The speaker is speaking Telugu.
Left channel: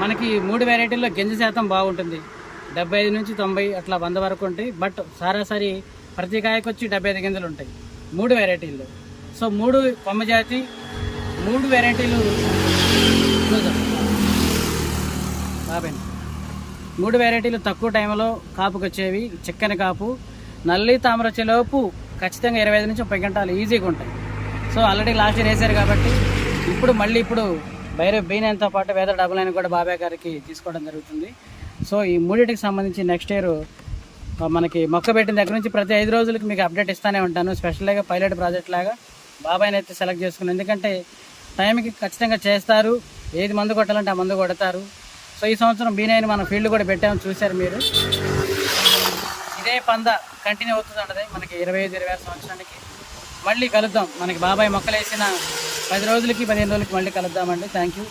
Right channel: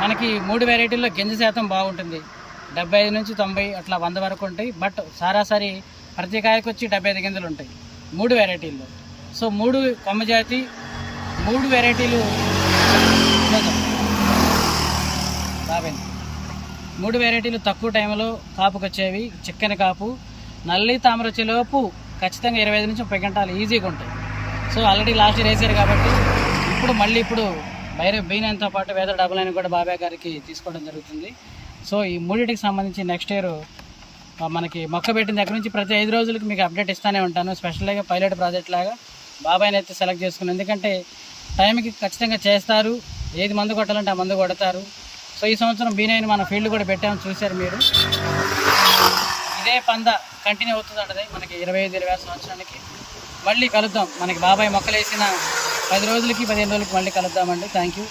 మనకి 3 వెరైటీల్లో గింజ శాతం బాగుంటుంది. 75 నుంచి 90 అట్లా 100 వరకు ఉంటాయి. బట్ సరాసరి ప్రతి కాయకు వచ్చి 75 గింజలు ఉంటాయి 3 వెరైటీల్లో. సో 3 కొమ్మ జాతి, 3 వెరైటీలు బాబాయ్ 3 వెరైటీలు తక్కువ టైంలో కాపుకి వచ్చేవి. చిక్కని కాపు, నల్లి తామర వచ్చేలోపు ఖచ్చితంగా 25 నుంచి 30 గంటలు ఈజీగా ఉంటాయి. సో ఆల్రెడీ లాస్ట్ ఇయర్ వేశారు కాబట్టి ఇప్పుడు B9తో పాటు వేద డబల్9 కూడా బాబాయ్ గారికి తీసుకోవడం జరుగుతుంది. సో ఈ మూడింటికి సంబంధించి నెక్స్ట్ ఇయర్ మనకి మొక్క పెట్టిన దగ్గర నుంచి ప్రతి 5 రోజులకి మీకు అప్డేట్ ఇస్తూనే ఉంటాను. స్పెషల్గా పైలట్ ప్రాజెక్ట్ లాగా బాబాయ్ని అయితే సెలెక్ట్ చేసుకుని, ఎందుకంటే టైంకి ఖచ్చితంగా చేస్తారు. ఏది మందు కొట్టాలంటే ఆ మందు కొడతారు. సో ఈ సంవత్సరం B9 మన ఫీల్డ్ కూడా పెట్టామని చూశారు మీరు. ఇదే పంద కంటిన్యూ అవుతుంది ఉంటుంది మనకి 25-26 సంవత్సరానికి. మళ్ళీ కలుద్దాం. మనకి బాబాయ్ మొక్కలు వేసిన 10 రోజులకి 15 రోజులకి మళ్ళీ కలుద్దామండి. Thank you.